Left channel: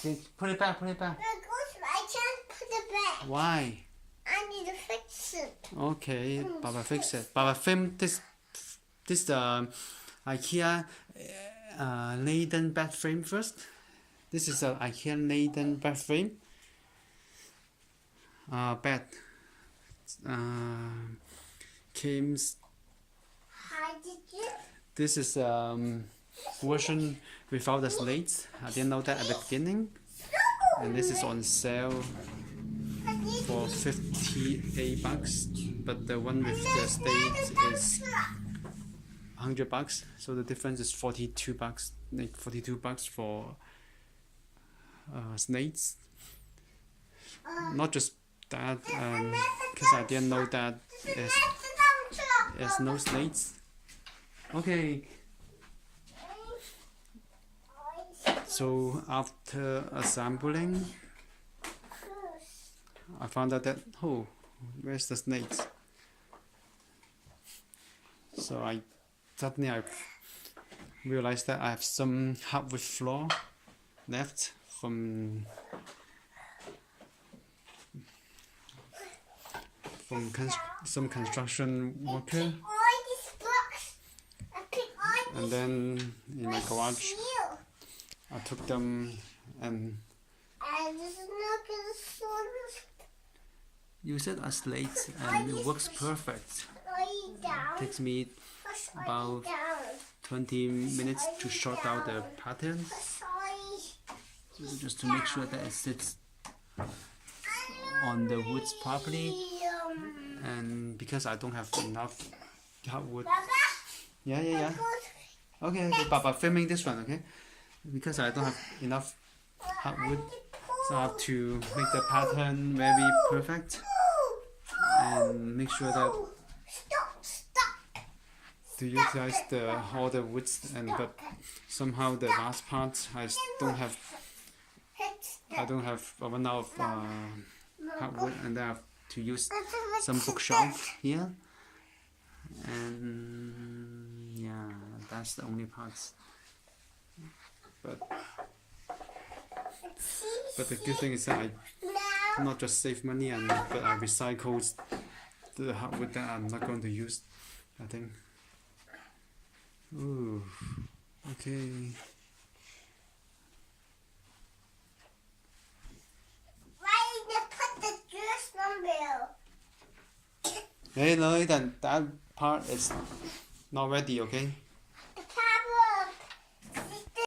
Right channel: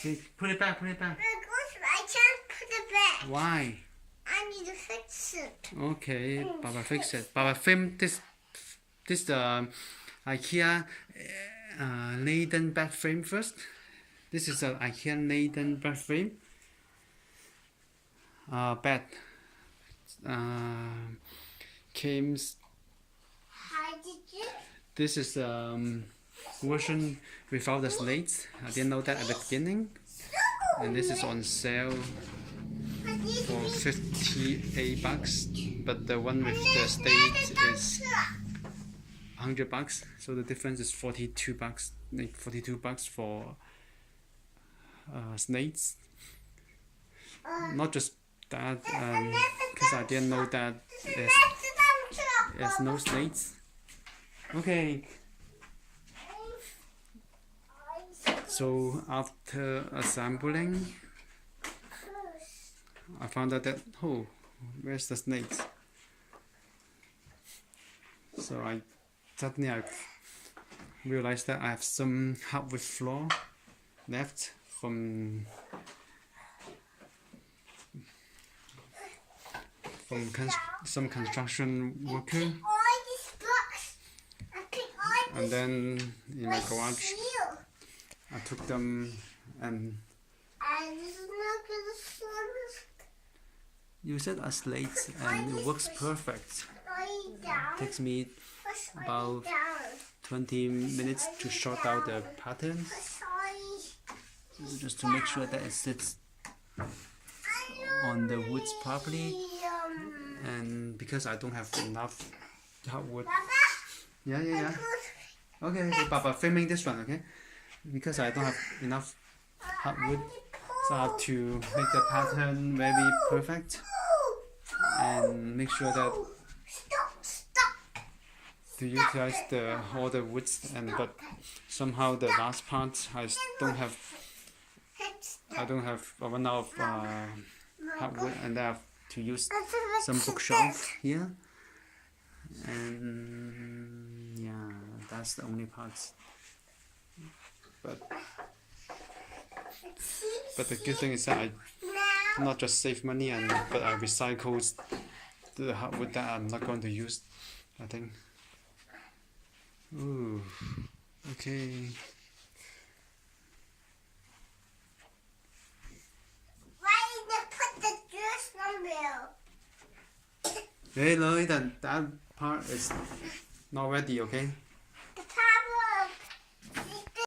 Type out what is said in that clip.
Okay, put it back, put it back. I can't put it back. Why? I need to fix it. Okay, Baba fix it. Baba film this Ikea Neiden bed frame first. This is a Ikea Neiden bed frame. Bed came. How did you? This is version without the slates. I didn't know that at the beginning, and this is on sale for $58, but the one with the slates is $100. So the difference is $42. Like $42 for slates. Not just that, because I didn't know that there's no slates. Okay. So after assembling, I found out that where's the snakes? So I suddenly realized that I have some hardwood floor left from some construction worker, and then in my garage I took them and use it as slates, and it works perfect. It takes me about 20 minutes to sort out the patterns, so just to make sure that it sits on the woods properly. And because I don't have enough hardwood, yeah. Okay, Papa, filming this one, okay? Because I don't have enough hardwood, so I have to make the pattern very perfect and make sure that to utilize all the woods, but somehow the last part I don't have run out of hardwood, and I have to use some bookshelf here, and yeah, that's the only parts. But the good thing is that I not just save money, but I recycled the hardwood that I'm not going to use, I think. Ooh, okay. Hey, Lloyd, that part is not ready, okay?